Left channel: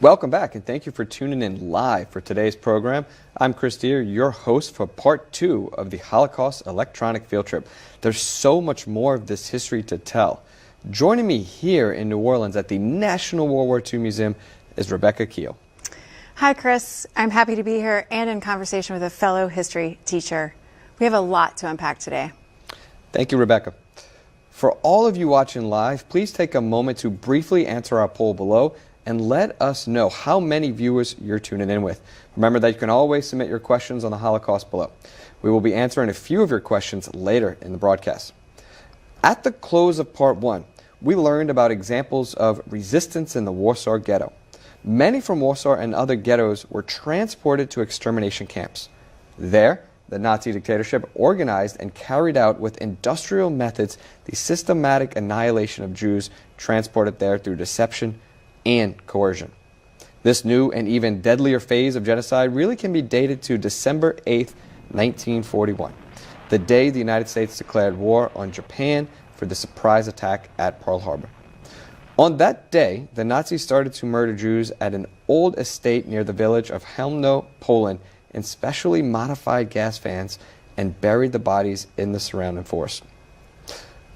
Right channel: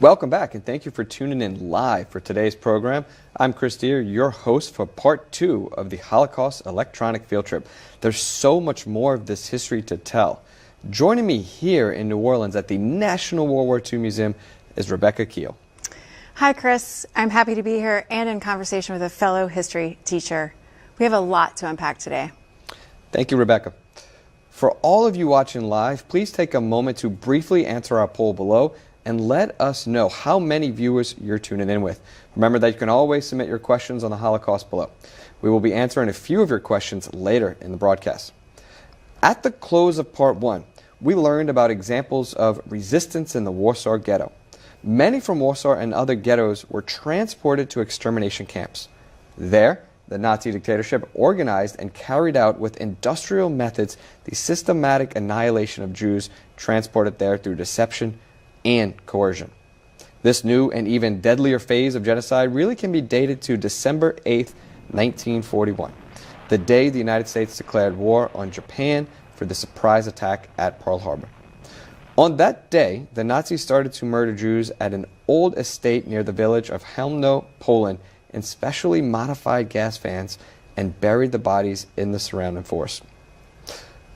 Welcome back, and thank you for tuning in live for today's program. I'm Chris Deere, your host for part 2 of the Holocaust Electronic Field Trip. There's so much more of this history to tell. Joining me here in New Orleans at the National World War II Museum is Rebecca Keel. Hi, Chris. I'm happy to be here and in conversation with a fellow history teacher. We have a lot to unpack today. Thank you, Rebecca. For all of you watching live, please take a moment to briefly answer our poll below and let us know how many viewers you're tuning in with. Remember that you can always submit your questions on the Holocaust below. We will be answering a few of your questions later in the broadcast. At the close of part 1, we learned about examples of resistance in the Warsaw Ghetto. Many from Warsaw and other ghettos were transported to extermination camps. There, the Nazi dictatorship organized and carried out with industrial methods the systematic annihilation of Jews transported there through deception and coercion. This new and even deadlier phase of genocide really can be dated to December 8th, 1941, the day the United States declared war on Japan for the surprise attack at Pearl Harbor. On that day, the Nazis started to murder Jews at an old estate near the village of Chełmno, Poland, in specially modified gas vans and buried the bodies in the surrounding forest.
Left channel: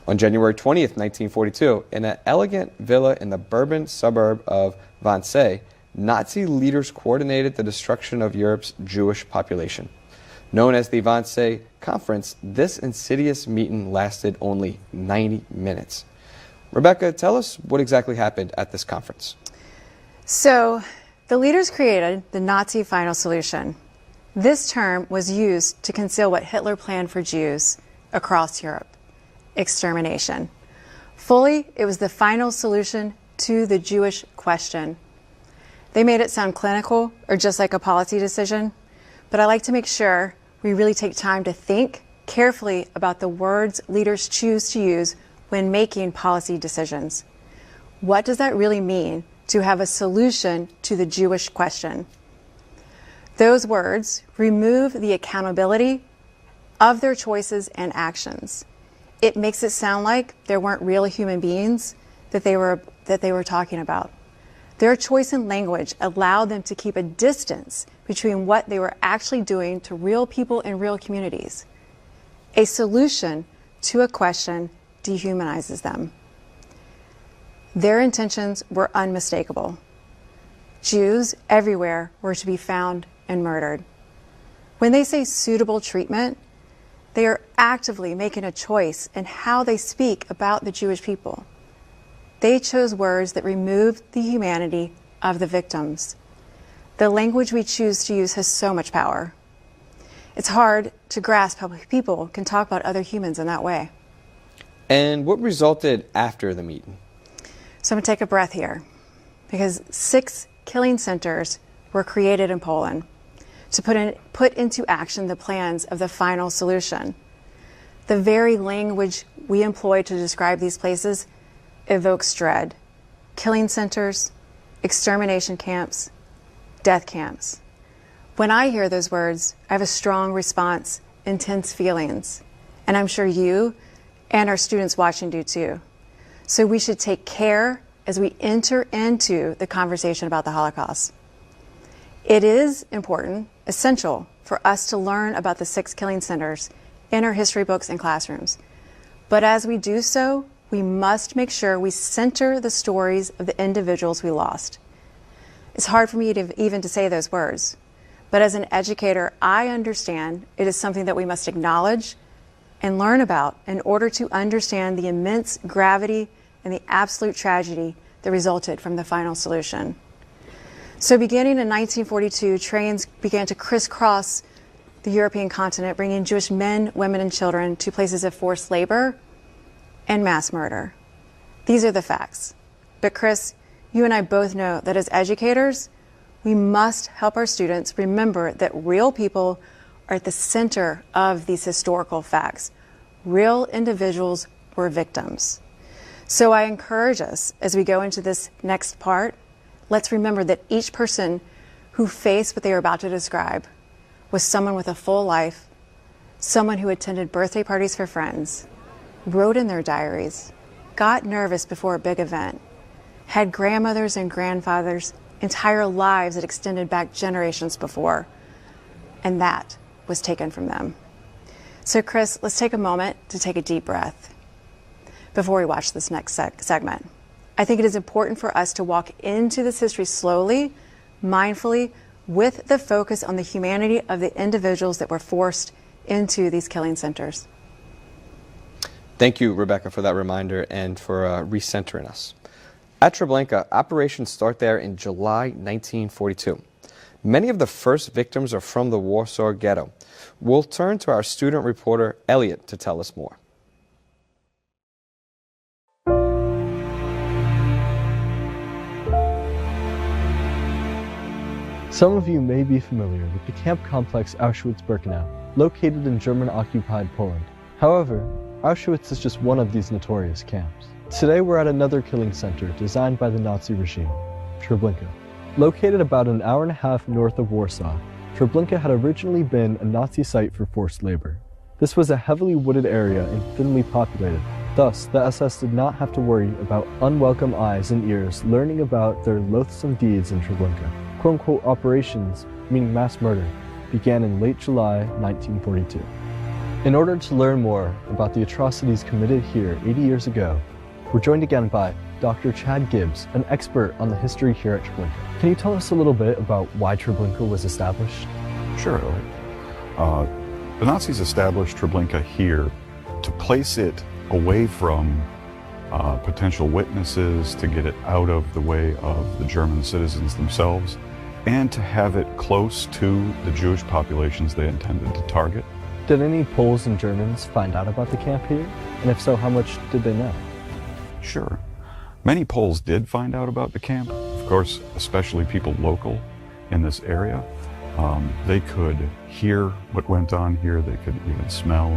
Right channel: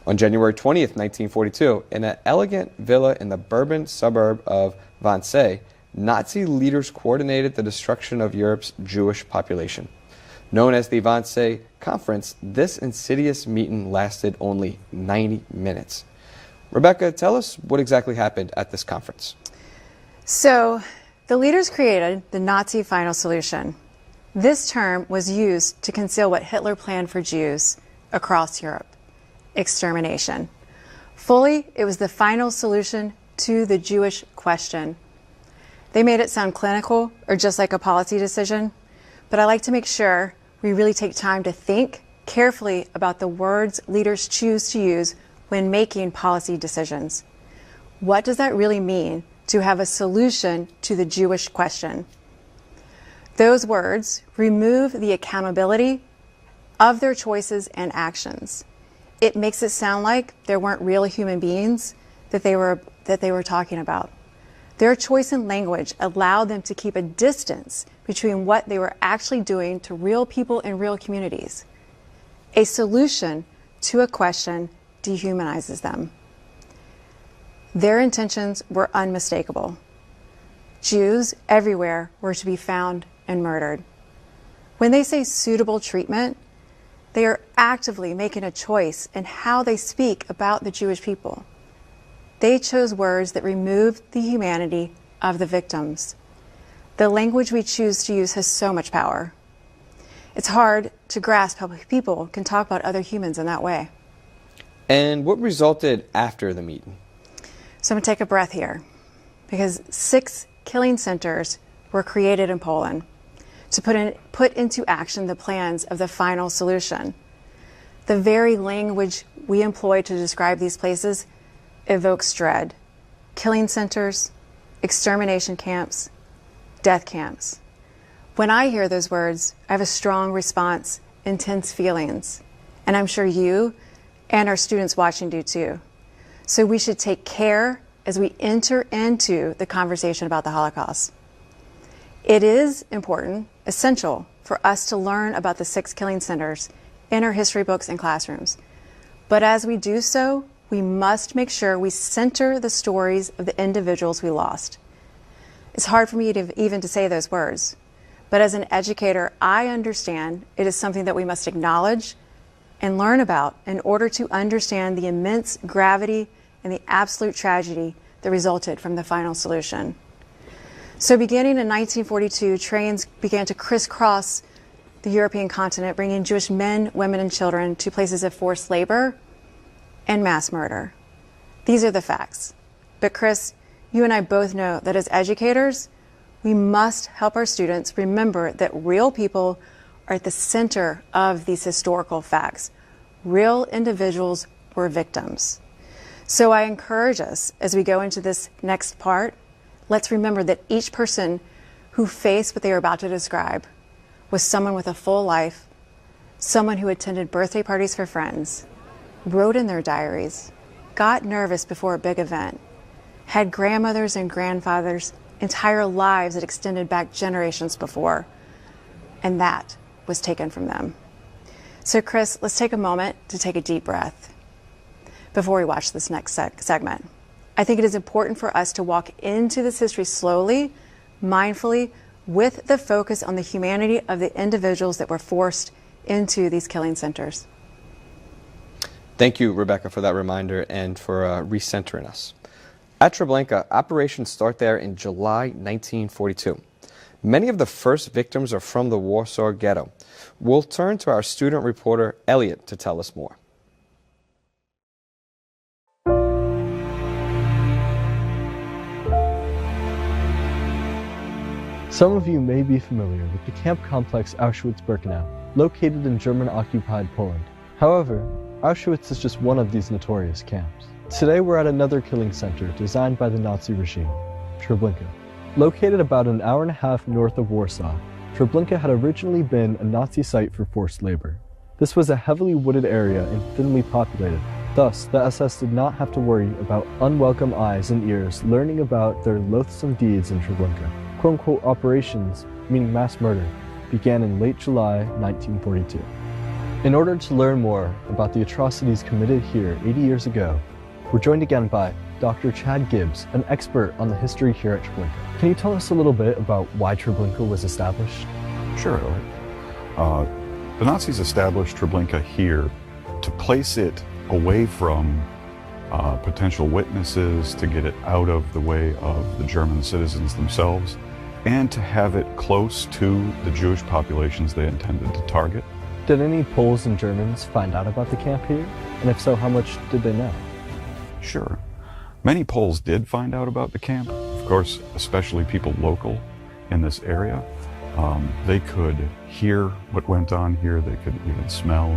On January 20th, 1942, in an elegant villa in the Bourbon suburb of Wannsee, Nazi leaders coordinated the destruction of Europe's Jewish population. Known as the Wannsee Conference, this insidious meeting lasted only 90 minutes. Rebecca, tell us what exactly happened at this conference. So, the leaders created the Nazi final solution. This term was used to conceal what Hitler planned for Jews across Europe: extermination. Fully, it was the final solution to the Jewish question. They made it sound clinical or just like a policy decision, but I like to make sure we really take time to think carefully about the words leaders choose to use when making policy decisions. What does that really mean to have a solution to the Jewish question? Those words remove the accountability of their choices and actions. It makes it sound like there weren't real human beings that they were talking about. Their choice in language allowed them to keep a distance between what they were actually doing to real people in real communities. A solution to a question dehumanizes them. Their intentions were unmistakable. Jews everywhere were to be found and murdered. When they say suitable treatment, they are actively making a choice in how they speak about the Jewish people. They chose words that removed the humanity of the victims. The language we choose to use has so much power. It's hard to grasp how people can talk about other humans in that way. And what resulted after the meeting? So I'm going to take a breath here, because 6 killing centers were created in Poland to put into action the plans of the final solution. The very language we employ to describe these places evokes dread. Killing centers, extermination camps, death camps. When I hear those words, I have a strong response, intense feelings, and I'm sure you and our students watching do too. So we should take care as we enter into the conversation about the Holocaust. It is important, essential, for us to learn about the 6 killing centers in our history books and classrooms. But as we do so, we must make sure we center the stories of the individuals we lost. It's hard for me to even say those words, but as an educator, I understand it is something that we must acknowledge and learn about in order to understand the immense gravity and the absolute tragedy that resulted from the final solution. So beginning in 1942, trains began to crisscross the European continent, bringing Jewish men, women, and children to places of forced labor and mass murder. These are the facts. But Chris, you and I both know that as educators, we must help our students remember that real people are at the center of these historical facts. Real individuals were victims. So I encourage us, as we go into this next part, let's remember that each person who faced what they are about to describe was someone with a full life, someone who attended birthday parties for friends, wrote in their diaries, got nervous before a big event, had grandmothers and grandfathers entire lives that extended back generations before, and that was taken from them. So Chris, let's take a moment to take a deep breath before we watch this next segment. I think it is important for us to walk into this history slowly, mindfully, with the focus on the humanity of the individuals that were forced into these killing centers. Thank you, Rebecca, for that reminder and for recentering us. At Treblinka, operations start there in July 1942. Many of the first victims are from the Warsaw Ghetto. We'll turn to our student reporter, Elliot, to tell us more. Some of you may be familiar with the camp complex Auschwitz-Birkenau, located in German-occupied Poland. However, Auschwitz is just one of these notorious camps. Today we're at another killing center designed by the Nazi regime, Treblinka. Located about an hour and a half north of Warsaw, Treblinka had originally been a Nazi site for forced labor. This was a heavily wooded area and thinly populated. Thus, the SS did not have to worry about unwelcome eyes and ears learning about their loathsome deeds in Treblinka. Quote-unquote operations, meaning mass murder, began in late July 1942. In order to learn more about the atrocities committed here 80 years ago, we're joined again by Dr. Chad Gibbs, an expert on the history here at Treblinka. Can you tell us a little bit about why Treblinka was established? Sure. The Nazis established Treblinka here to place it away from potential witnesses, to get it out of the way of the German citizens themselves, and to have it close to the Jewish populations they intended to target. Did any Poles and Germans find out about the camp here? And if so, how much did they know? Sure. Many Poles did find out about the camp. Of course, especially people local in this area. They could hear what went on here. They could even smell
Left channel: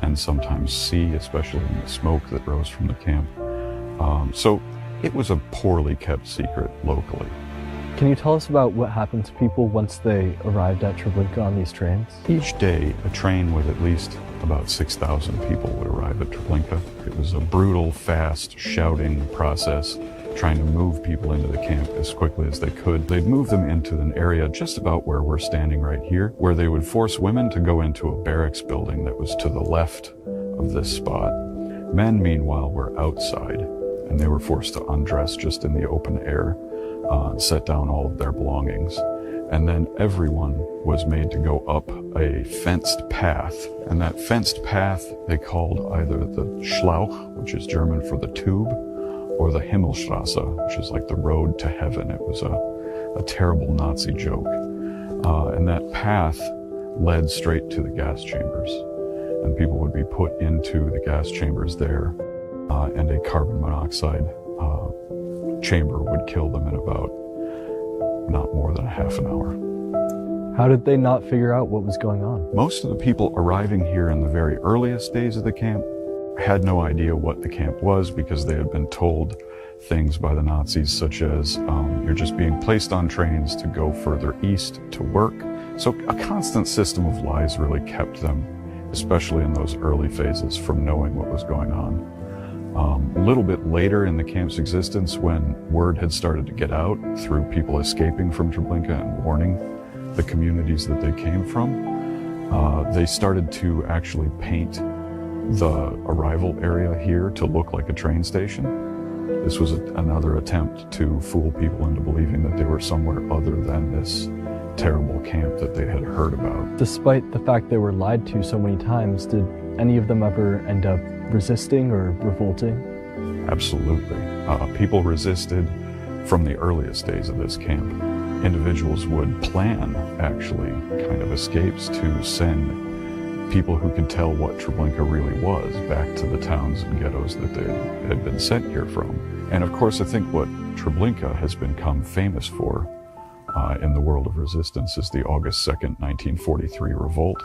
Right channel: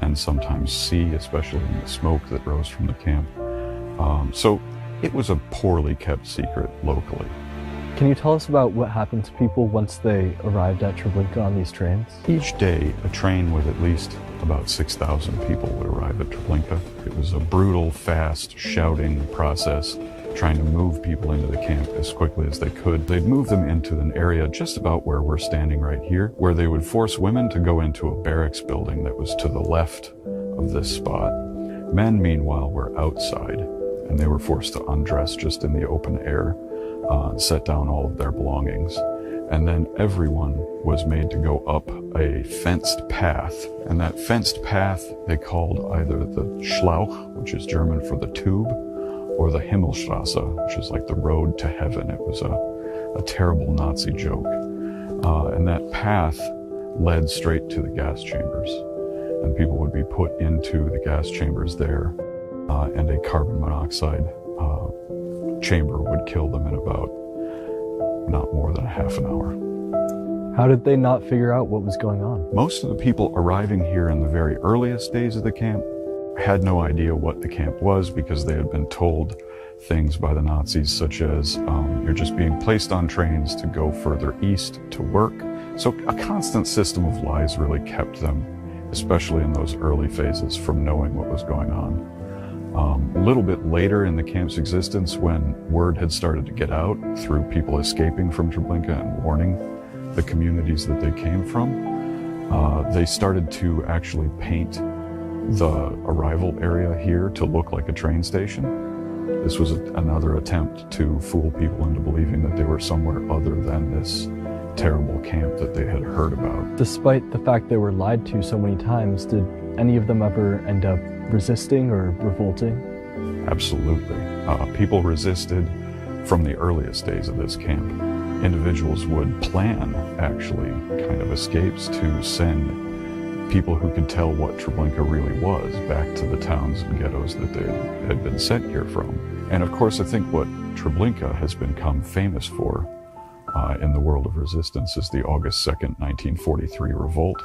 and sometimes see, especially in the smoke that rose from the camp. So it was a poorly kept secret locally. Can you tell us about what happened to people once they arrived at Treblinka on these trains? Each day, a train with at least about 6,000 people would arrive at Treblinka. It was a brutal, fast, shouting process, trying to move people into the camp as quickly as they could. They'd move them into an area just about where we're standing right here, where they would force women to go into a barracks building that was to the left of this spot. Men, meanwhile, were outside, and they were forced to undress just in the open air, set down all of their belongings. And then everyone was made to go up a fenced path. And that fenced path they called either the Schlauch, which is German for the tube, or the Himmelstrasse, which is like the road to heaven. It was a terrible Nazi joke. And that path led straight to the gas chambers. And people would be put into the gas chambers there, and a carbon monoxide chamber would kill them in about not more than a half an hour. How did they not figure out what was going on? Most of the people arriving here in the very earliest days of the camp had no idea what the camp was, because they had been told things by the Nazis such as, you're just being placed on trains to go further east to work. So a constant system of lies really kept them, especially in those early phases, from knowing what was going on. A little bit later in the camp's existence, when word had started to get out through people escaping from Treblinka and warning the communities that they came from, they started to actually paint the arrival area here to look like a train station. This was another attempt to fool people into believing that they were somewhere other than this terrible camp that they had heard about. Despite the fact they were lied to so many times, did any of them ever end up resisting or revolting? Absolutely. People resisted from the earliest days of this camp. Individuals would plan, actually, kind of escapes to send people who could tell what Treblinka really was back to the towns and ghettos that they had been sent here from. And of course, I think what Treblinka has become famous for in the world of resistance is the August 2nd, 1943 revolt.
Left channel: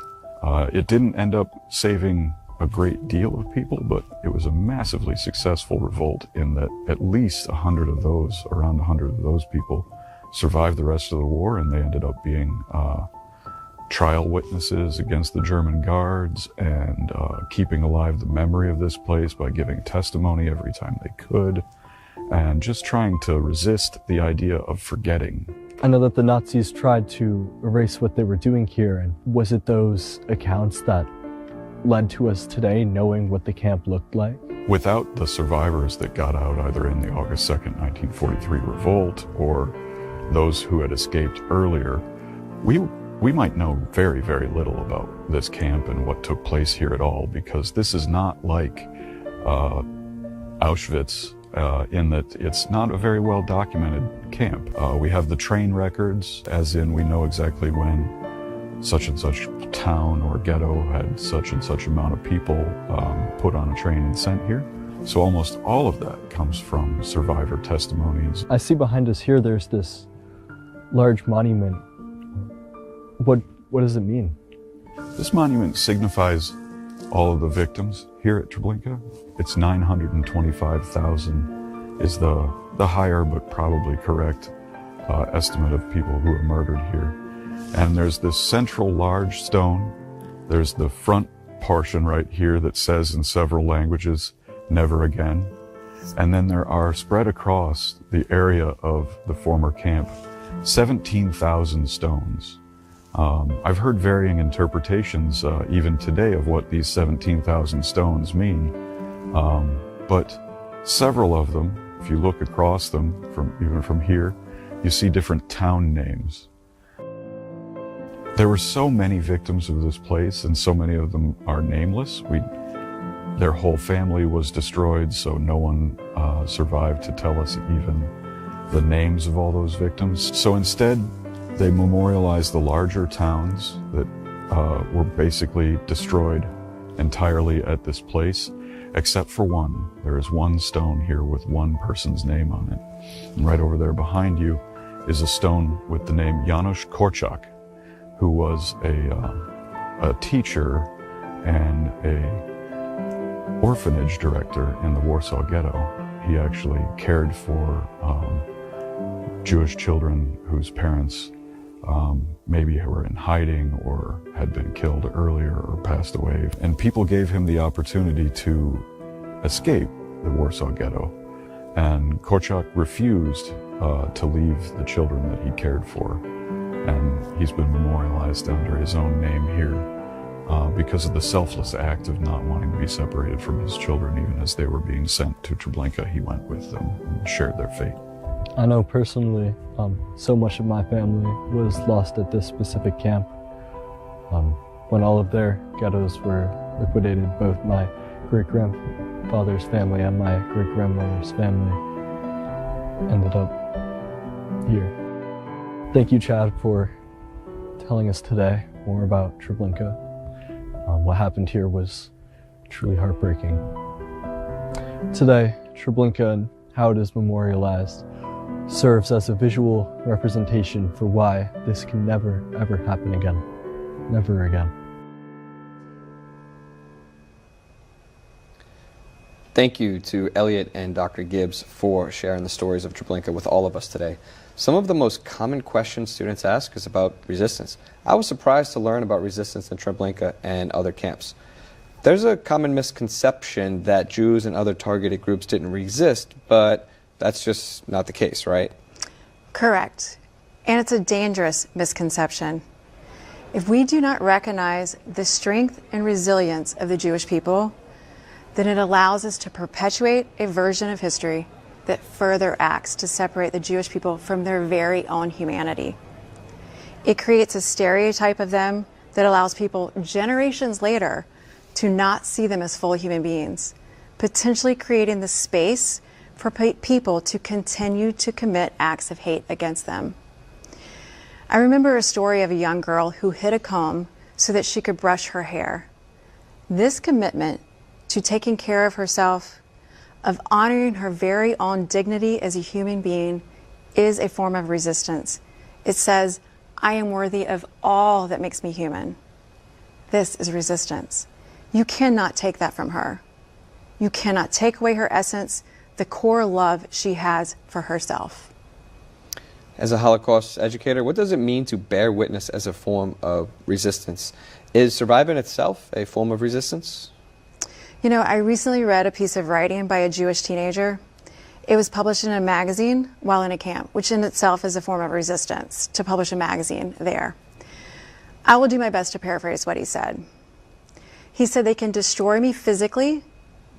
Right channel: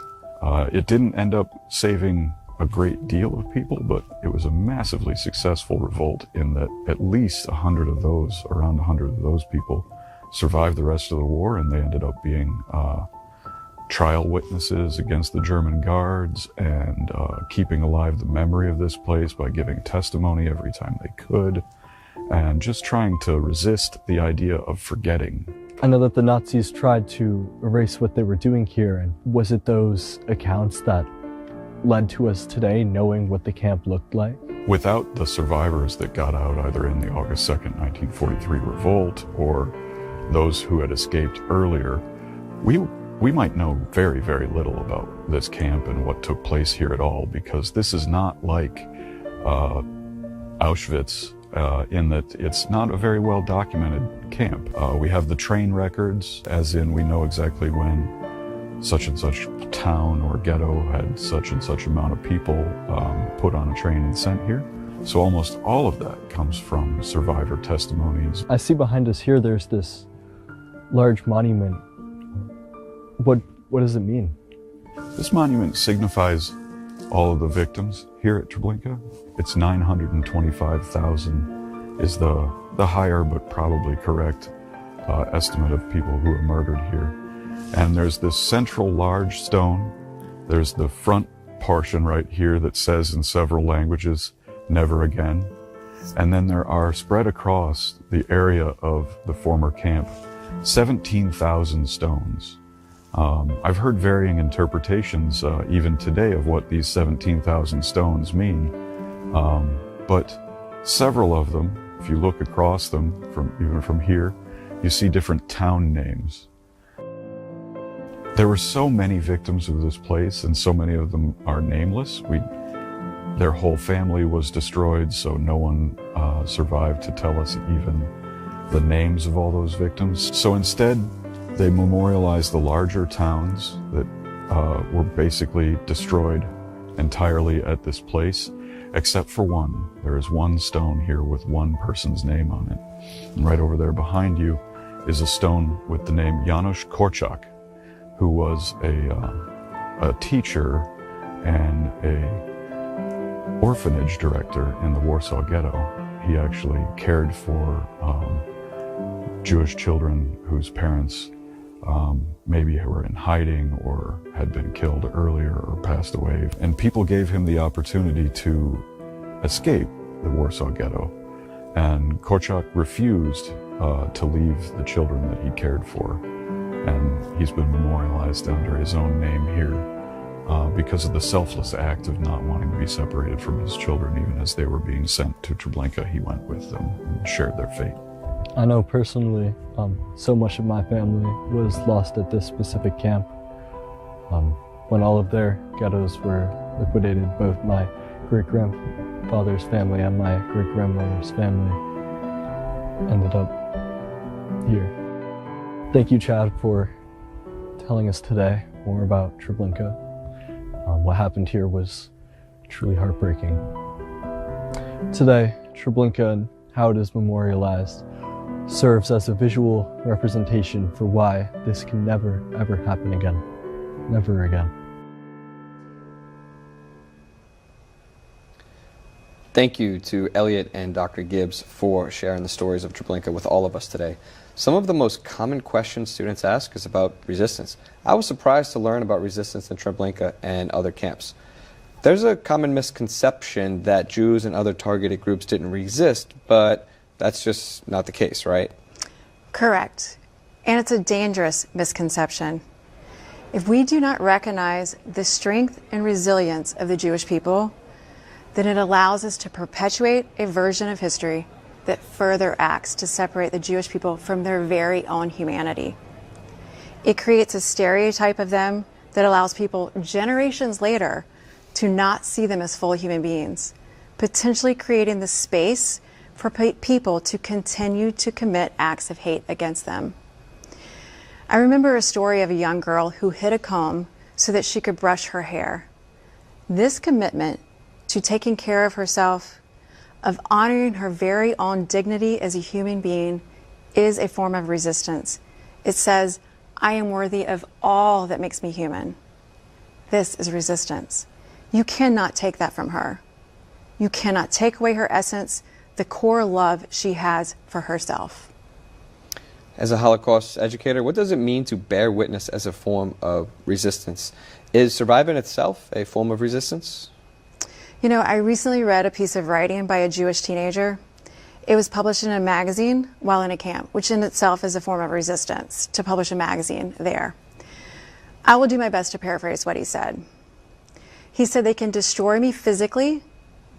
It didn't end up saving a great deal of people, but it was a massively successful revolt in that at least around 100 of those people survived the rest of the war, and they ended up being trial witnesses against the German guards and keeping alive the memory of this place by giving testimony every time they could. and just trying to resist the idea of forgetting. I know that the Nazis tried to erase what they were doing here, and was it those accounts that led to us today knowing what the camp looked like? Without the survivors that got out either in the August 2nd, 1943 revolt or those who had escaped earlier, we might know very, very little about this camp and what took place here at all, because this is not like Auschwitz in that it's not a very well documented camp. We have the train records, as in we know exactly when such and such town or ghetto had such and such amount of people put on a train and sent here. So almost all of that comes from survivor testimonies. I see behind us here there's this large monument. What does it mean? This monument signifies all of the victims here at Treblinka. It's 925,000 is the higher but probably correct estimate of people who were murdered here. And there's this central large stone. There's the front portion right here that says in several languages, "Never again." And then there are spread across the area of the former camp 17,000 stones. I've heard varying interpretations even today of what these 17,000 stones mean. But several of them, if you look across them, even from here, you see different town names. There were so many victims of this place, and so many of them are nameless. Their whole family was destroyed, so no one survived to tell us even the names of all those victims. So instead, they memorialized the larger towns that were basically destroyed entirely at this place, except for one. There is one stone here with one person's name on it. And right over there behind you is a stone with the name Janusz Korczak, who was a teacher and a orphanage director in the Warsaw Ghetto. He actually cared for Jewish children whose parents maybe were in hiding or had been killed earlier or passed away. And people gave him the opportunity to escape the Warsaw Ghetto. And Korczak refused to leave the children that he cared for. And he's been memorialized under his own name here because of the selfless act of not wanting to be separated from his children. Even as they were being sent to Treblinka, he went with them and shared their fate. I know personally, so much of my family was lost at this specific camp. When all of their ghettos were liquidated, both my great-grandfather's family and my great-grandmother's family ended up here. Thank you, Chad, for telling us today more about Treblinka. What happened here was truly heartbreaking. Today, Treblinka and how it is memorialized serves as a visual representation for why this can never, ever happen again. Never again. Thank you to Elliot and Dr. Gibbs for sharing the stories of Treblinka with all of us today. Some of the most common questions students ask is about resistance. I was surprised to learn about resistance in Treblinka and other camps. There's a common misconception that Jews and other targeted groups didn't resist, but that's just not the case, right? Correct. And it's a dangerous misconception. If we do not recognize the strength and resilience of the Jewish people, then it allows us to perpetuate a version of history that further acts to separate the Jewish people from their very own humanity. It creates a stereotype of them that allows people generations later to not see them as full human beings, potentially creating the space for people to continue to commit acts of hate against them. I remember a story of a young girl who hid a comb so that she could brush her hair. This commitment to taking care of herself, of honoring her very own dignity as a human being, is a form of resistance. It says, I am worthy of all that makes me human. This is resistance. You cannot take that from her. You cannot take away her essence, the core love she has for herself. As a Holocaust educator, what does it mean to bear witness as a form of resistance? Is surviving itself a form of resistance? You know, I recently read a piece of writing by a Jewish teenager. It was published in a magazine while in a camp, which in itself is a form of resistance, to publish a magazine there. I will do my best to paraphrase what he said. He said, "They can destroy me physically,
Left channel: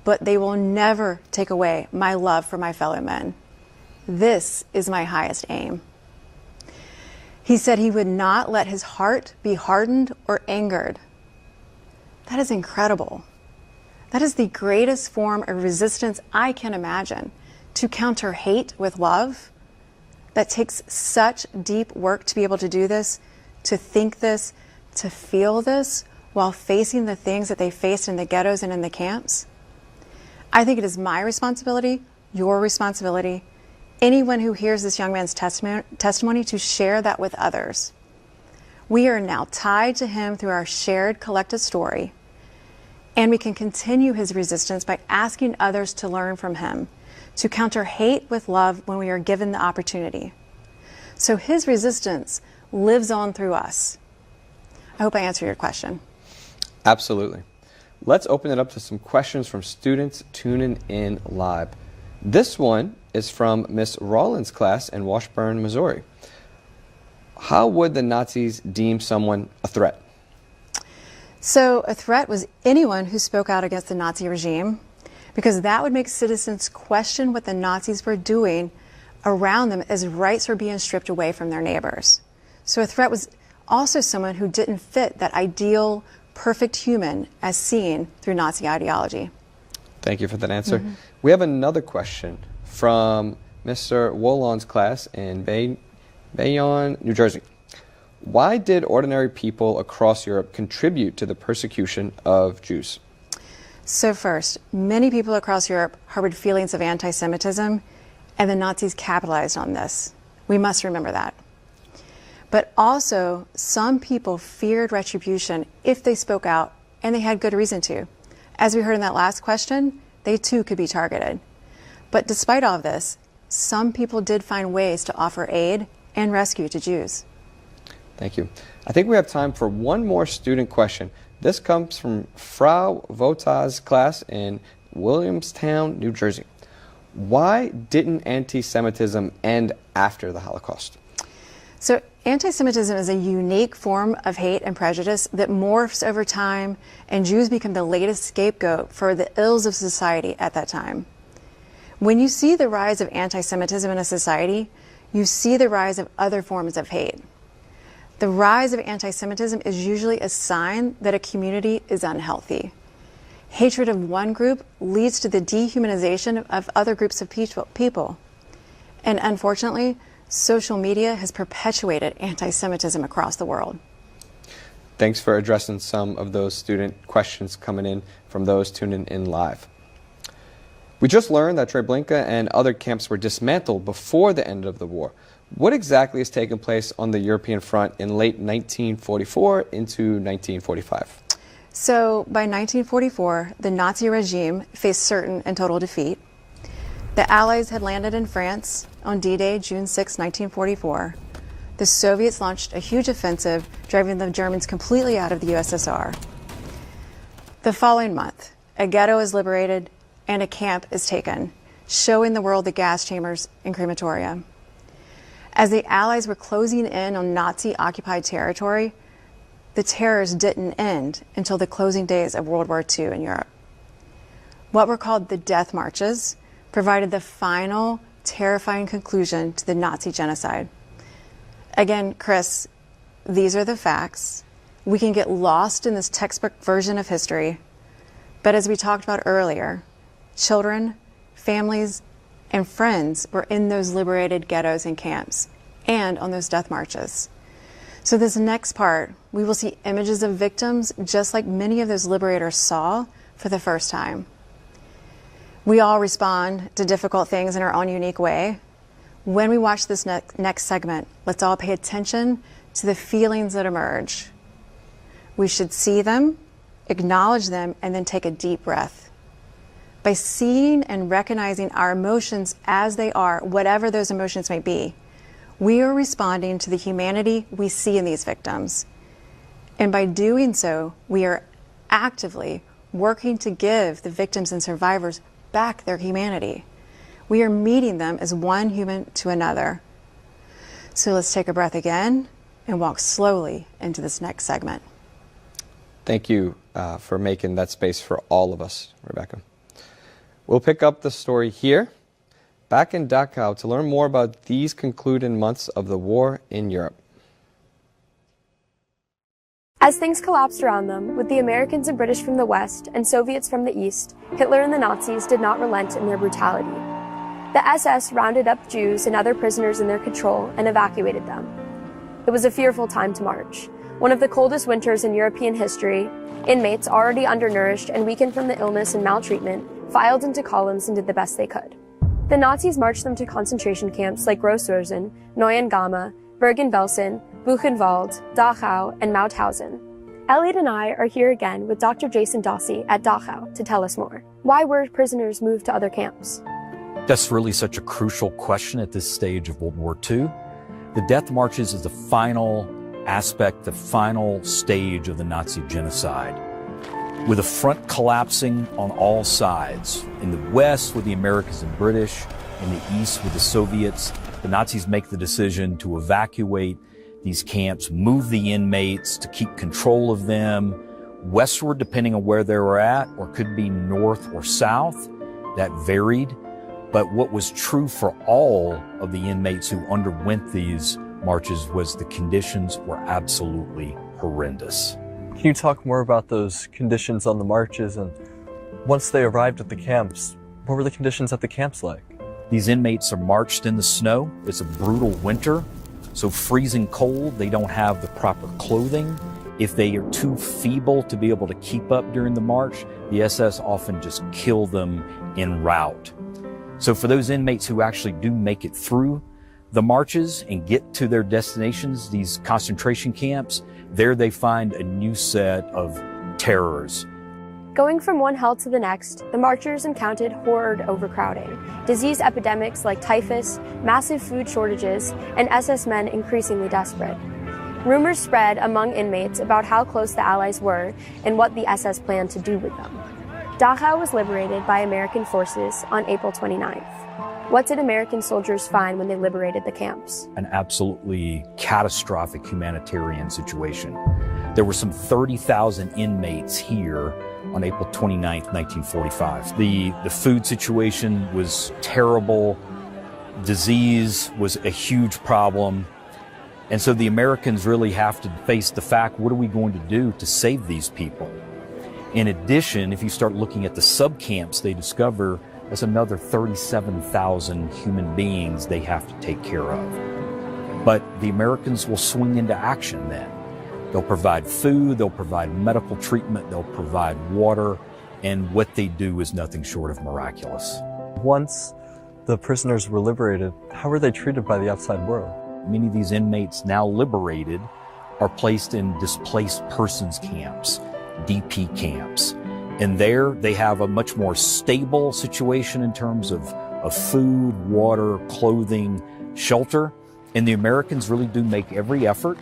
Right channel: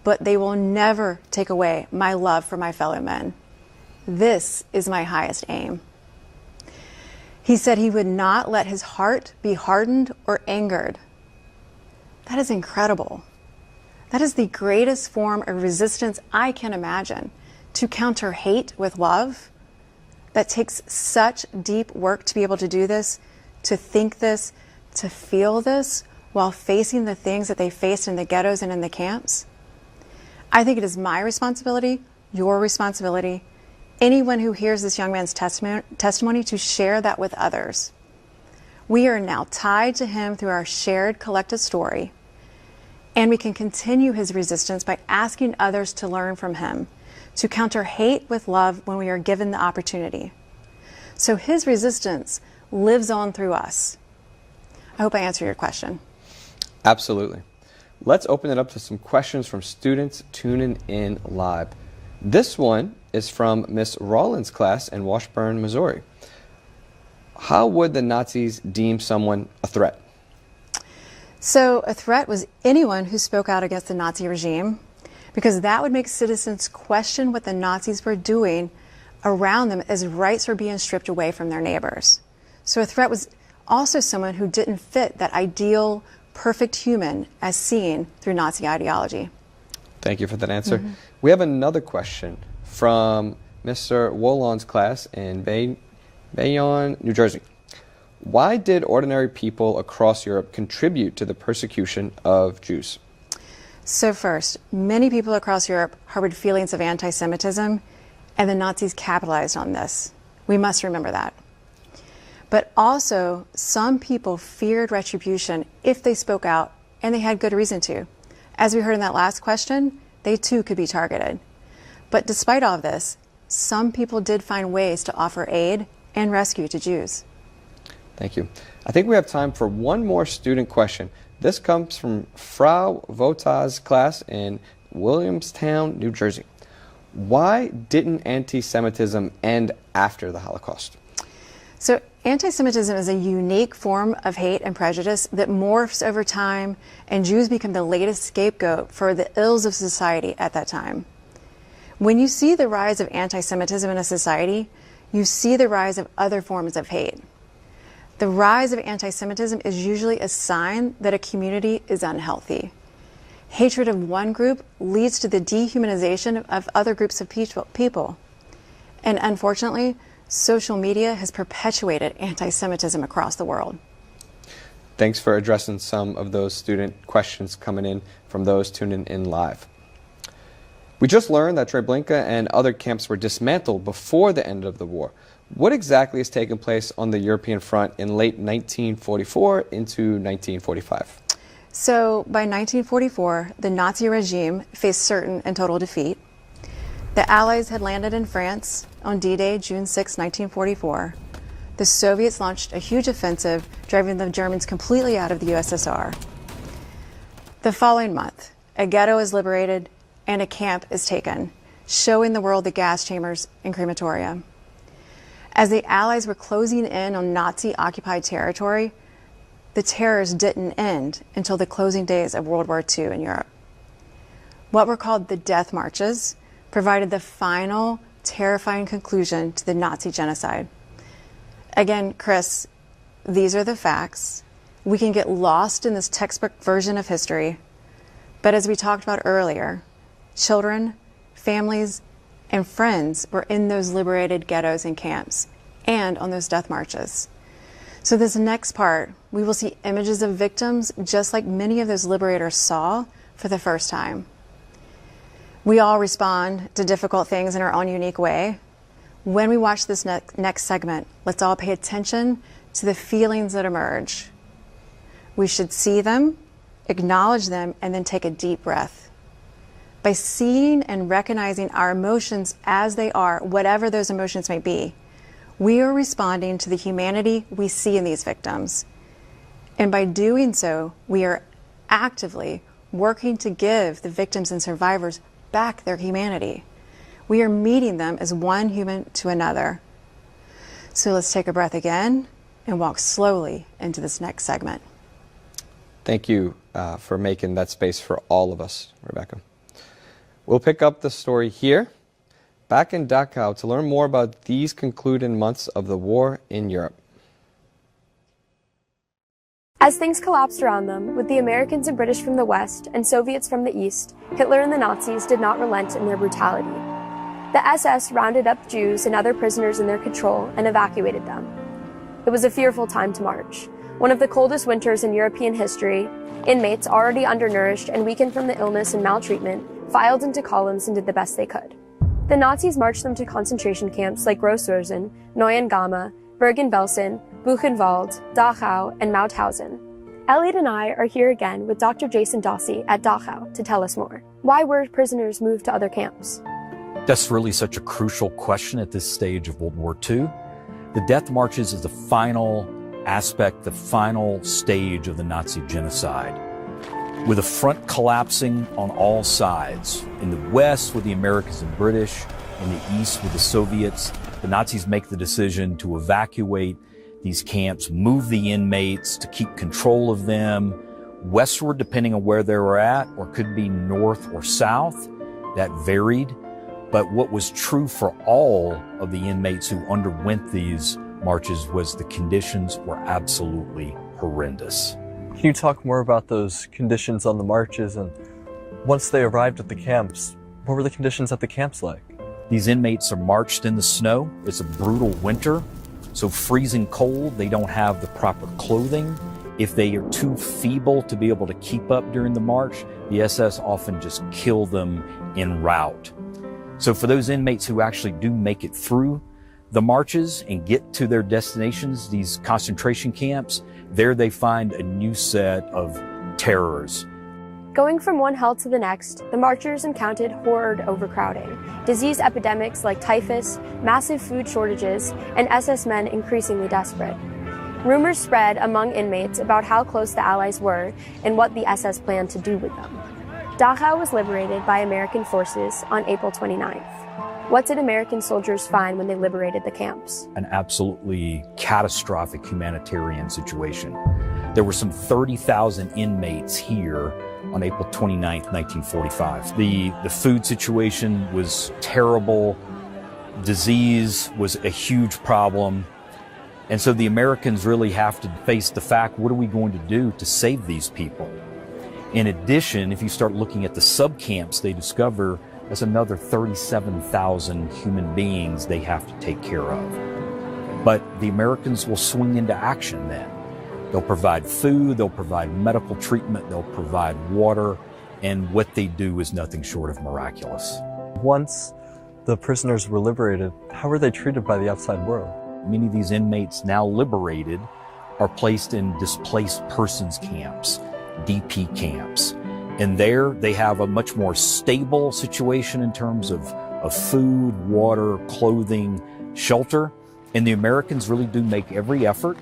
but they will never take away my love for my fellow men. This is my highest aim." He said he would not let his heart be hardened or angered. That is incredible. That is the greatest form of resistance I can imagine, to counter hate with love. That takes such deep work to be able to do this, to think this, to feel this, while facing the things that they faced in the ghettos and in the camps. I think it is my responsibility, your responsibility, anyone who hears this young man's testimony, to share that with others. We are now tied to him through our shared collective story, and we can continue his resistance by asking others to learn from him, to counter hate with love when we are given the opportunity. So his resistance lives on through us. I hope I answered your question. Absolutely. Let's open it up to some questions from students tuning in live. This one is from Miss Rollins' class in Washburn, Missouri. How would the Nazis deem someone a threat? So a threat was anyone who spoke out against the Nazi regime, because that would make citizens question what the Nazis were doing around them as rights were being stripped away from their neighbors. So a threat was also someone who didn't fit that ideal, perfect human as seen through Nazi ideology. Thank you for that answer. We have another question from Mr. Wolon's class in Bayonne, New Jersey. Why did ordinary people across Europe contribute to the persecution of Jews? So first, many people across Europe harbored feelings of anti-Semitism, and the Nazis capitalized on this. We must remember that. But also, some people feared retribution if they spoke out, and they had good reason to. As we heard in that last question, they too could be targeted. But despite all of this, some people did find ways to offer aid and rescue to Jews. Thank you. I think we have time for one more student question. This comes from Frau Vota's class in Williamstown, New Jersey. Why didn't anti-Semitism end after the Holocaust? So anti-Semitism is a unique form of hate and prejudice that morphs over time, and Jews become the latest scapegoat for the ills of society at that time. When you see the rise of anti-Semitism in a society, you see the rise of other forms of hate. The rise of anti-Semitism is usually a sign that a community is unhealthy. Hatred of one group leads to the dehumanization of other groups of people. And unfortunately, social media has perpetuated anti-Semitism across the world. Thanks for addressing some of those student questions coming in from those tuning in live. We just learned that Treblinka and other camps were dismantled before the end of the war. What exactly has taken place on the European front in late 1944 into 1945? So by 1944, the Nazi regime faced certain and total defeat. The Allies had landed in France on D-Day, June 6, 1944. The Soviets launched a huge offensive, driving the Germans completely out of the USSR. The following month, a ghetto is liberated and a camp is taken, showing the world the gas chambers and crematoria. As the Allies were closing in on Nazi-occupied territory, the terrors didn't end until the closing days of World War II in Europe. What were called the death marches provided the final, terrifying conclusion to the Nazi genocide. Again, Chris, these are the facts. We can get lost in this textbook version of history, but as we talked about earlier, children, families, and friends were in those liberated ghettos and camps and on those death marches. So this next part, we will see images of victims just like many of those liberators saw for the first time. We all respond to difficult things in our own unique way. When we watch this next segment, let's all pay attention to the feelings that emerge. We should see them, acknowledge them, and then take a deep breath. By seeing and recognizing our emotions as they are, whatever those emotions may be, we are responding to the humanity we see in these victims. And by doing so, we are actively working to give the victims and survivors back their humanity. We are meeting them as one human to another. So let's take a breath again and walk slowly into this next segment. Thank you for making that space for all of us, Rebecca. We'll pick up the story here, back in Dachau, to learn more about these concluding months of the war in Europe. As things collapsed around them, with the Americans and British from the west and Soviets from the east, Hitler and the Nazis did not relent in their brutality. The SS rounded up Jews and other prisoners in their control and evacuated them. It was a fearful time to march. One of the coldest winters in European history, inmates already undernourished and weakened from the illness and maltreatment filed into columns and did the best they could. The Nazis marched them to concentration camps like Gross-Rosen, Neuengamme, Bergen-Belsen, Buchenwald, Dachau, and Mauthausen. Elliot and I are here again with Dr. Jason Dossi at Dachau to tell us more. Why were prisoners moved to other camps? That's really such a crucial question at this stage of World War II. The death marches is the final aspect, the final stage of the Nazi genocide. With the front collapsing on all sides, in the west with the Americans and British, in the east with the Soviets, the Nazis make the decision to evacuate these camps, move the inmates to keep control of them westward, depending on where they were at, or could be north or south. That varied. But what was true for all of the inmates who underwent these marches was the conditions were absolutely horrendous. Can you talk more about those conditions on the marches, and once they arrived at the camps, what were the conditions at the camps like? These inmates are marched in the snow. It's a brutal winter, so freezing cold. They don't have the proper clothing. If they are too feeble to be able to keep up during the march, the SS often just kill them en route. So for those inmates who actually do make it through the marches and get to their destinations, these concentration camps, there they find a new set of terrors. Going from one hell to the next, the marchers encountered horrid overcrowding, disease epidemics like typhus, massive food shortages, and SS men increasingly desperate. Rumors spread among inmates about how close the Allies were and what the SS planned to do with them. Dachau was liberated by American forces on April 29th. What did American soldiers find when they liberated the camps? An absolutely catastrophic humanitarian situation. There were some 30,000 inmates here on April 29th, 1945. The food situation was terrible. Disease was a huge problem. And so the Americans really have to face the fact, what are we going to do to save these people? In addition, if you start looking at the sub-camps, they discover there's another 37,000 human beings they have to take care of. But the Americans will swing into action then. They'll provide food, they'll provide medical treatment, they'll provide water, and what they do is nothing short of miraculous. Once the prisoners were liberated, how were they treated by the outside world? Many of these inmates now liberated are placed in displaced persons camps, DP camps. And there they have a much more stable situation in terms of food, water, clothing, shelter. And the Americans really do make every effort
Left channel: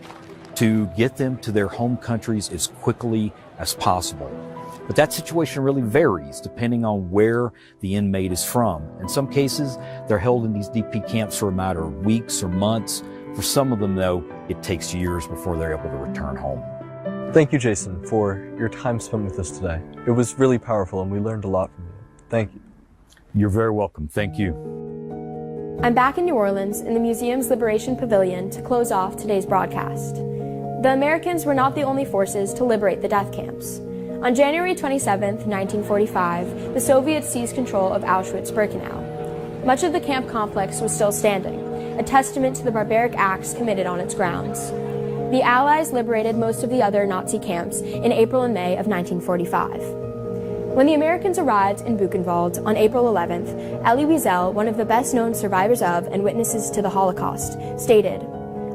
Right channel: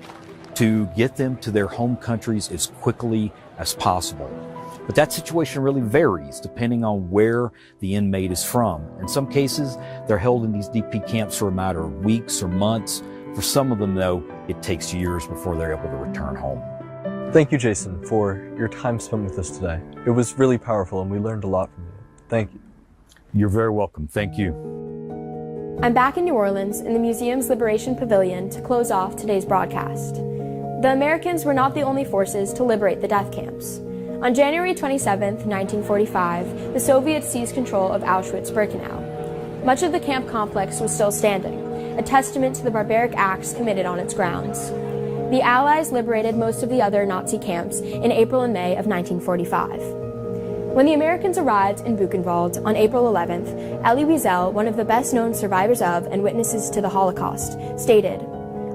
to get them to their home countries as quickly as possible. But that situation really varies depending on where the inmate is from. In some cases, they're held in these DP camps for a matter of weeks or months. For some of them, though, it takes years before they're able to return home. Thank you, Jason, for your time spent with us today. It was really powerful, and we learned a lot from you. Thank you. You're very welcome. Thank you. I'm back in New Orleans in the museum's Liberation Pavilion to close off today's broadcast. The Americans were not the only forces to liberate the death camps. On January 27, 1945, the Soviets seized control of Auschwitz-Birkenau. Much of the camp complex was still standing, a testament to the barbaric acts committed on its grounds. The Allies liberated most of the other Nazi camps in April and May of 1945. When the Americans arrived in Buchenwald on April 11th, Elie Wiesel, one of the best-known survivors of and witnesses to the Holocaust, stated,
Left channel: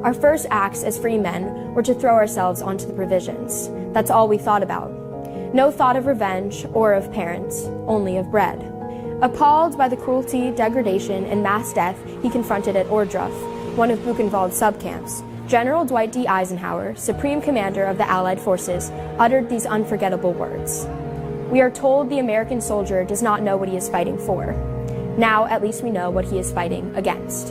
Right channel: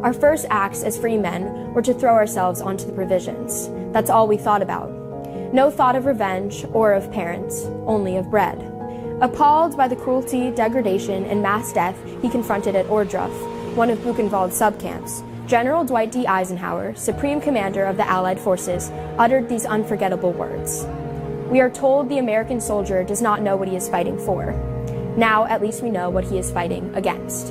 "Our first acts as free men were to throw ourselves onto the provisions. That's all we thought about. No thought of revenge or of parents, only of bread." Appalled by the cruelty, degradation, and mass death he confronted at Ohrdruf, one of Buchenwald's subcamps, General Dwight D. Eisenhower, Supreme Commander of the Allied forces, uttered these unforgettable words. "We are told the American soldier does not know what he is fighting for. Now at least we know what he is fighting against.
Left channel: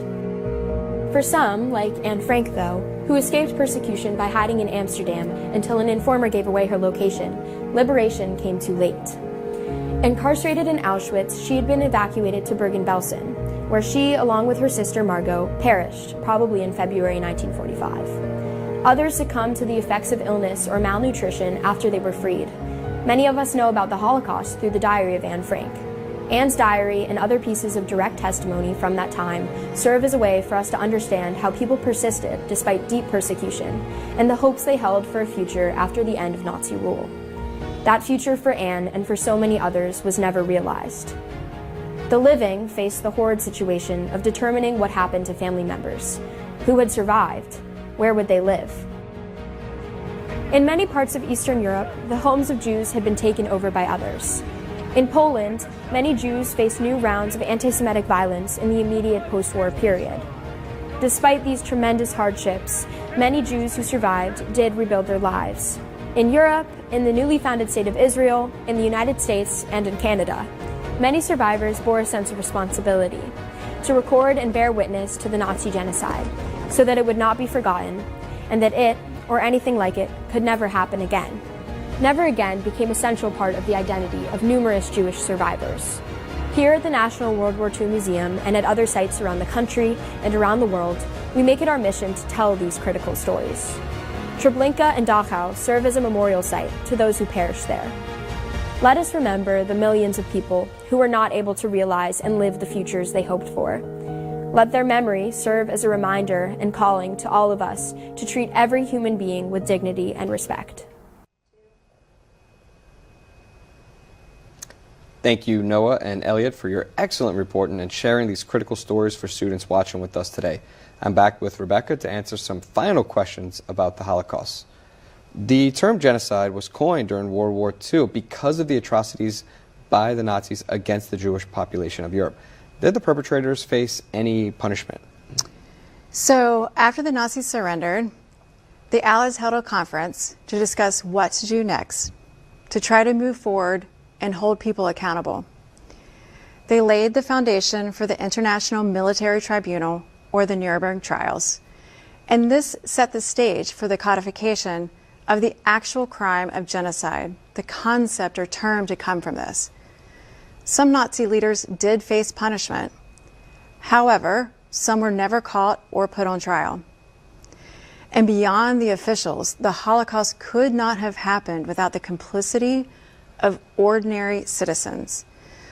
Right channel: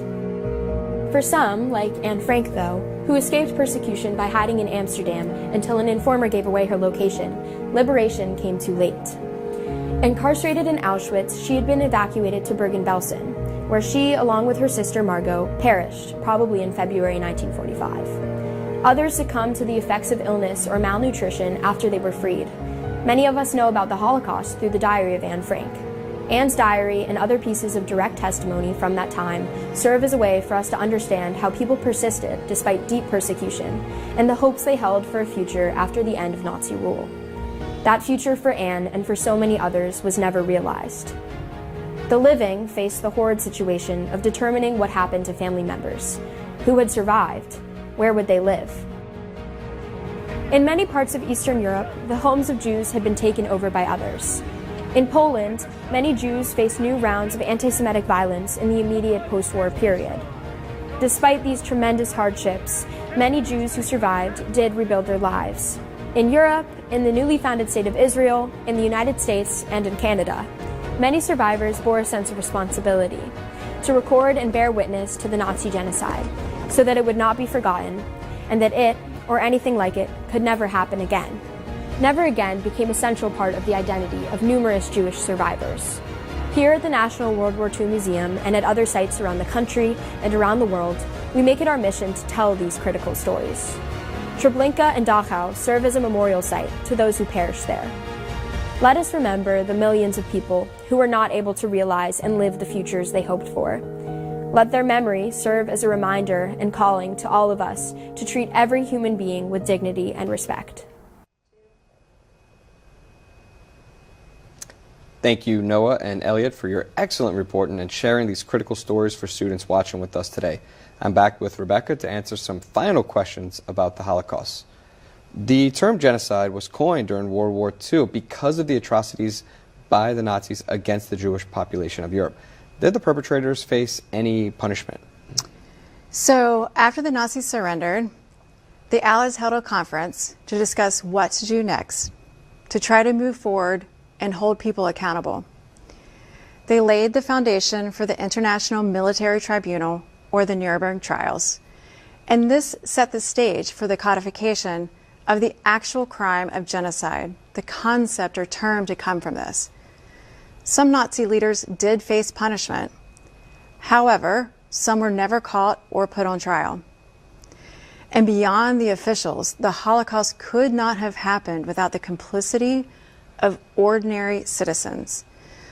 For some, like Anne Frank though, who escaped persecution by hiding in Amsterdam until an informer gave away her location, liberation came too late. Incarcerated in Auschwitz, she had been evacuated to Bergen-Belsen, where she, along with her sister Margot, perished, probably in February 1945. Others succumbed to the effects of illness or malnutrition after they were freed. Many of us know about the Holocaust through the diary of Anne Frank. Anne's diary and other pieces of direct testimony from that time serve as a way for us to understand how people persisted despite deep persecution and the hopes they held for a future after the end of Nazi rule. That future for Anne and for so many others was never realized. The living faced the horrid situation of determining what happened to family members. Who had survived? Where would they live? In many parts of Eastern Europe, the homes of Jews had been taken over by others. In Poland, many Jews faced new rounds of anti-Semitic violence in the immediate post-war period. Despite these tremendous hardships, many Jews who survived did rebuild their lives. In Europe, in the newly founded state of Israel, in the United States, and in Canada, many survivors bore a sense of responsibility to record and bear witness to the Nazi genocide so that it would not be forgotten and that it, or anything like it, could never happen again. Never again became a central part of the identity of numerous Jewish survivors. Here at the National World War II Museum and at other sites around the country and around the world, we make it our mission to tell these critical stories. Treblinka and Dachau serve as a memorial site to those who perished there. Let us remember the millions of people who were not able to realize and live the futures they hoped for. Let their memory serve as a reminder and calling to all of us to treat every human being with dignity and respect. Thank you, Noah and Elliot, for your excellent reporting and sharing these critical stories for students watching with us today. I'm back with Rebecca to answer some final questions about the Holocaust. The term genocide was coined during World War II because of the atrocities by the Nazis against the Jewish population of Europe. Did the perpetrators face any punishment? So, after the Nazis surrendered, the Allies held a conference to discuss what to do next, to try to move forward and hold people accountable. They laid the foundation for the International Military Tribunal, or the Nuremberg trials, and this set the stage for the codification of the actual crime of genocide, the concept or term to come from this. Some Nazi leaders did face punishment. However, some were never caught or put on trial. And beyond the officials, the Holocaust could not have happened without the complicity of ordinary citizens.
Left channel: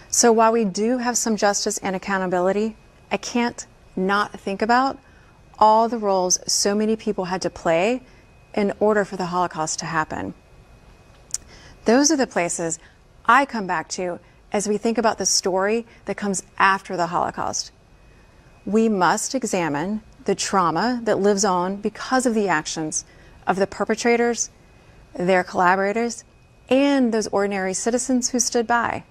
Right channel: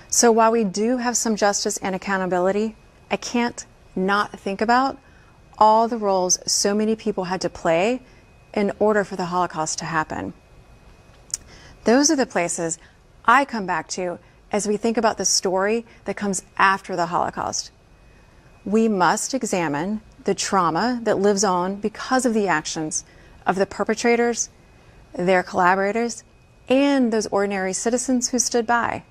So while we do have some justice and accountability, I can't not think about all the roles so many people had to play in order for the Holocaust to happen. Those are the places I come back to as we think about the story that comes after the Holocaust. We must examine the trauma that lives on because of the actions of the perpetrators, their collaborators, and those ordinary citizens who stood by.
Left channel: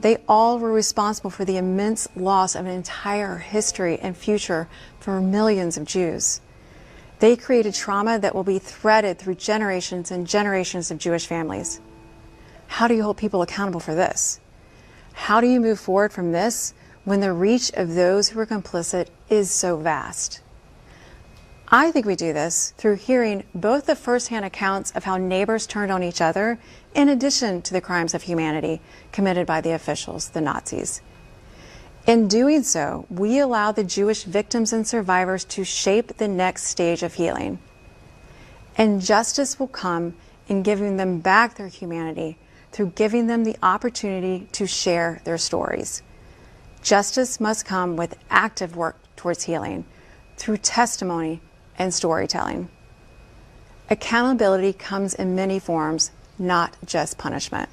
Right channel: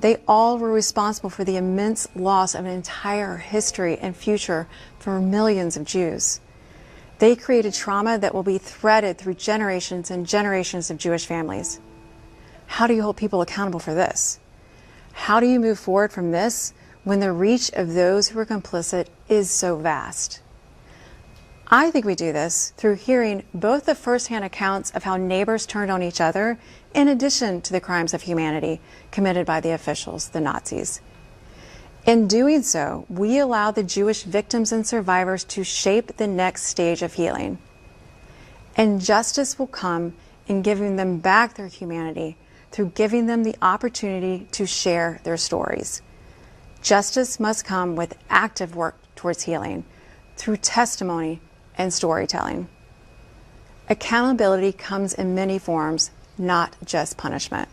They all were responsible for the immense loss of an entire history and future for millions of Jews. They created trauma that will be threaded through generations and generations of Jewish families. How do you hold people accountable for this? How do you move forward from this when the reach of those who are complicit is so vast? I think we do this through hearing both the firsthand accounts of how neighbors turned on each other, in addition to the crimes of humanity committed by the officials, the Nazis. In doing so, we allow the Jewish victims and survivors to shape the next stage of healing. And justice will come in giving them back their humanity through giving them the opportunity to share their stories. Justice must come with active work towards healing through testimony and storytelling. Accountability comes in many forms, not just punishment.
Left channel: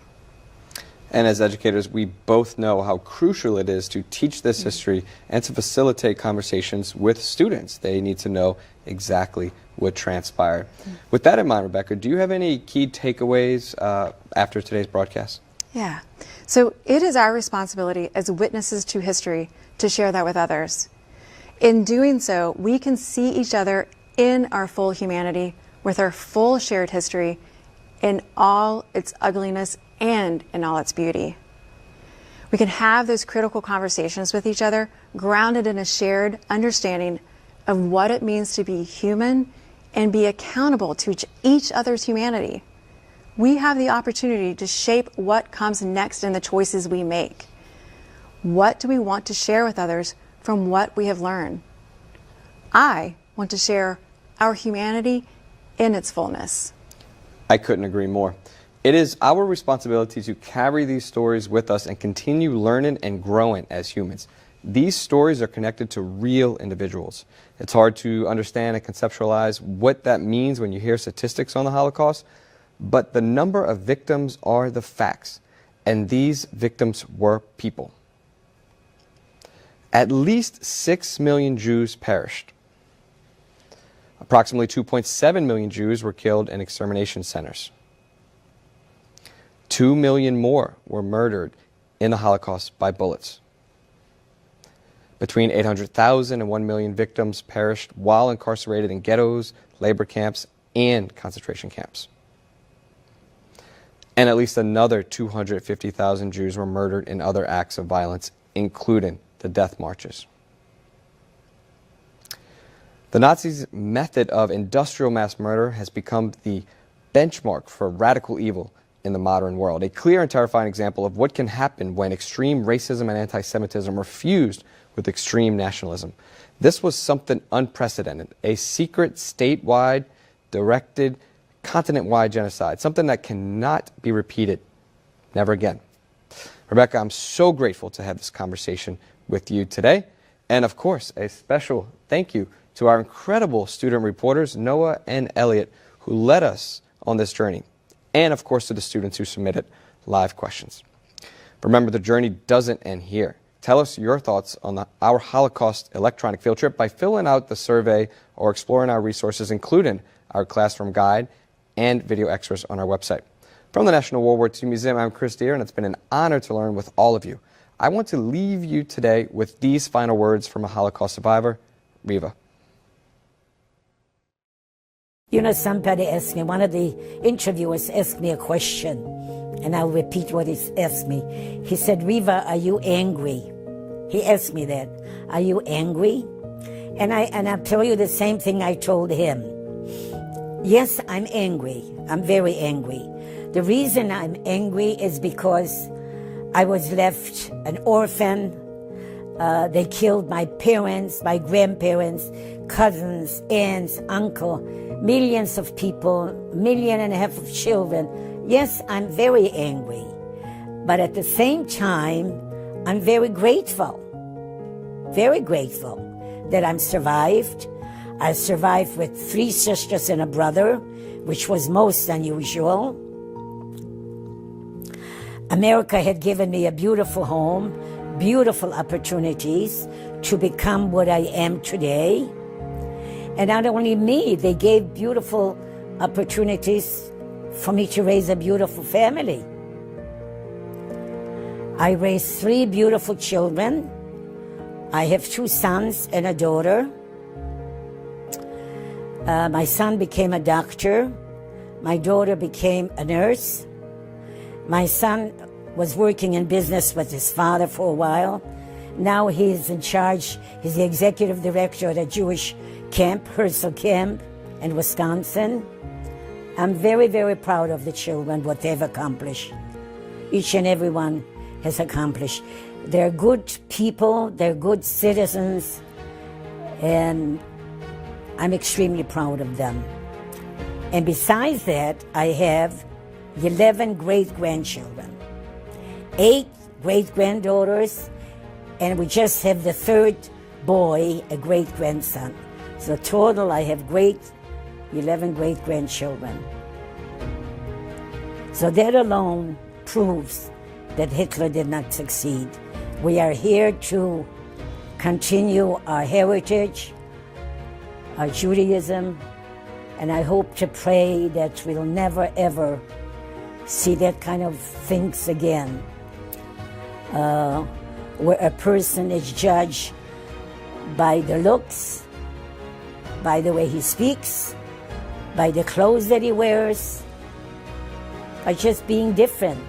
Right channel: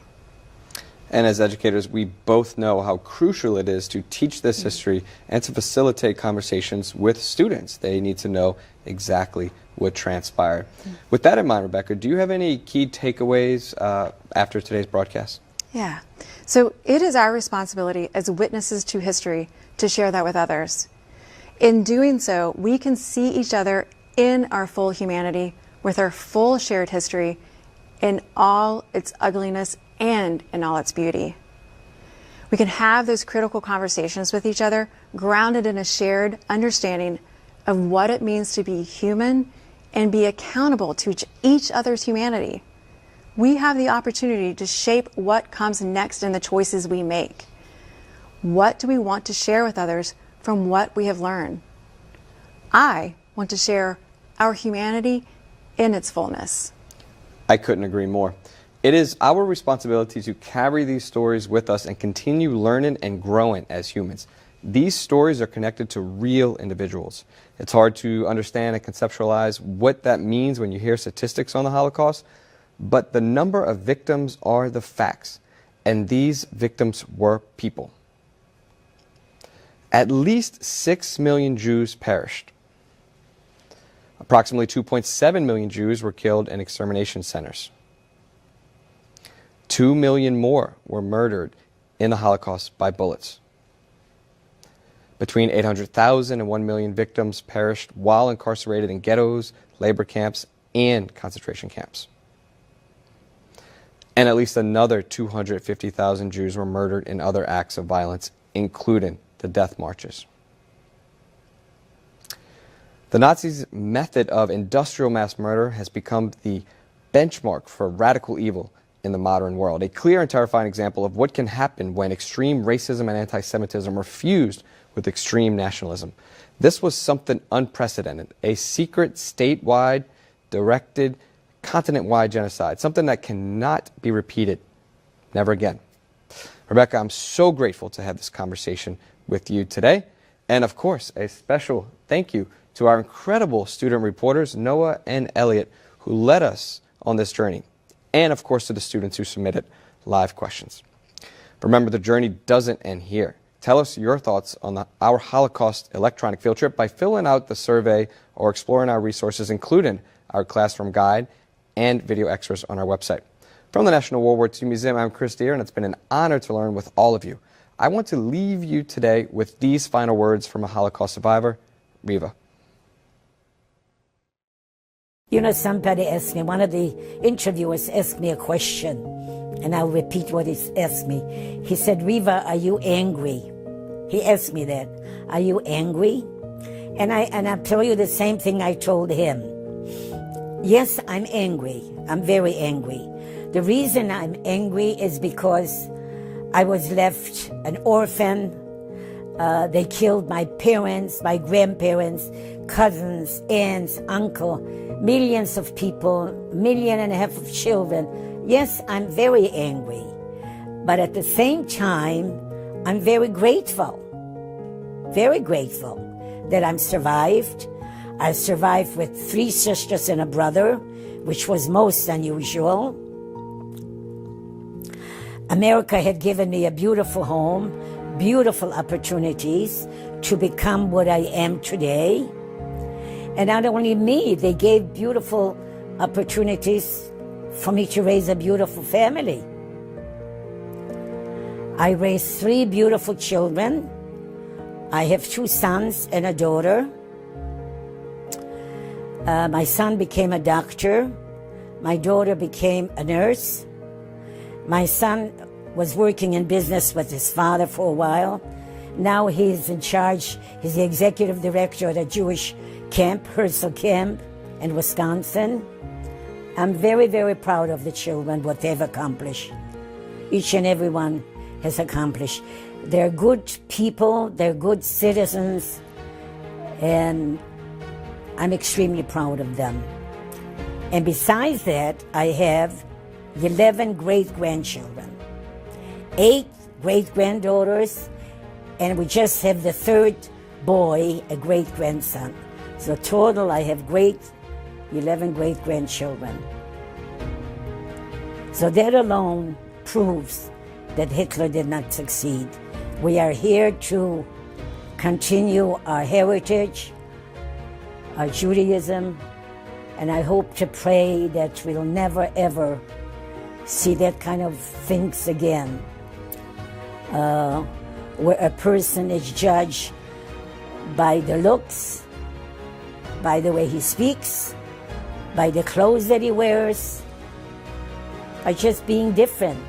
And as educators, we both know how crucial it is to teach this history and to facilitate conversations with students. They need to know exactly what transpired. With that in mind, Rebecca, do you have any key takeaways after today's broadcast? Yeah. So it is our responsibility as witnesses to history to share that with others. In doing so, we can see each other in our full humanity, with our full shared history, in all its ugliness and in all its beauty. We can have those critical conversations with each other, grounded in a shared understanding of what it means to be human and be accountable to each other's humanity. We have the opportunity to shape what comes next in the choices we make. What do we want to share with others from what we have learned? I want to share our humanity in its fullness. I couldn't agree more. It is our responsibility to carry these stories with us and continue learning and growing as humans. These stories are connected to real individuals. It's hard to understand and conceptualize what that means when you hear statistics on the Holocaust, but the number of victims are the facts, and these victims were people. At least 6 million Jews perished. Approximately 2.7 million Jews were killed in extermination centers. 2 million more were murdered in the Holocaust by bullets. Between 800,000 and 1 million victims perished while incarcerated in ghettos, labor camps, and concentration camps. And at least another 250,000 Jews were murdered in other acts of violence, including the death marches. The Nazis' method of industrial mass murder has become the benchmark for radical evil in the modern world, a clear and terrifying example of what can happen when extreme racism and anti-Semitism are fused with extreme nationalism. This was something unprecedented, a secret, statewide, directed, continent-wide genocide, something that cannot be repeated, never again. Rebecca, I'm so grateful to have this conversation with you today, and of course, a special thank you to our incredible student reporters, Noah and Elliot, who led us on this journey, and of course to the students who submitted live questions. Remember, the journey doesn't end here. Tell us your thoughts on our Holocaust Electronic Field Trip by filling out the survey or exploring our resources, including our classroom guide and video extras on our website. From the National World War II Museum, I'm Chris Deere, and it's been an honor to learn with all of you. I want to leave you today with these final words from a Holocaust survivor, Riva. You know, somebody asked me, one of the interviewers asked me a question, and I'll repeat what he asked me. He said, Riva, are you angry? He asked me that. Are you angry? And I'll tell you the same thing I told him. Yes, I'm angry. I'm very angry. The reason I'm angry is because I was left an orphan. They killed my parents, my grandparents, cousins, aunts, uncle, millions of people, 1.5 million of children. Yes, I'm very angry. But at the same time, I'm very grateful that I'm survived. I survived with 3 sisters and a brother, which was most unusual. America had given me a beautiful home, beautiful opportunities to become what I am today. And not only me, they gave beautiful opportunities for me to raise a beautiful family. I raised 3 beautiful children. I have 2 sons and a daughter. My son became a doctor. My daughter became a nurse. My son was working in business with his father for a while. Now he's in charge. He's the executive director at a Jewish camp, Herzl Camp in Wisconsin. I'm very, very proud of the children, what they've accomplished. Each and every one has accomplished. They're good people, they're good citizens, and I'm extremely proud of them. And besides that, I have 11 great-grandchildren, 8 great-granddaughters, and we just have the 3rd boy, a great-grandson. So total, I have 11 great-grandchildren. So that alone proves that Hitler did not succeed. We are here to continue our heritage, our Judaism, and I hope to pray that we'll never, ever see that kind of things again, where a person is judged by the looks, by the way he speaks, by the clothes that he wears, by just being different.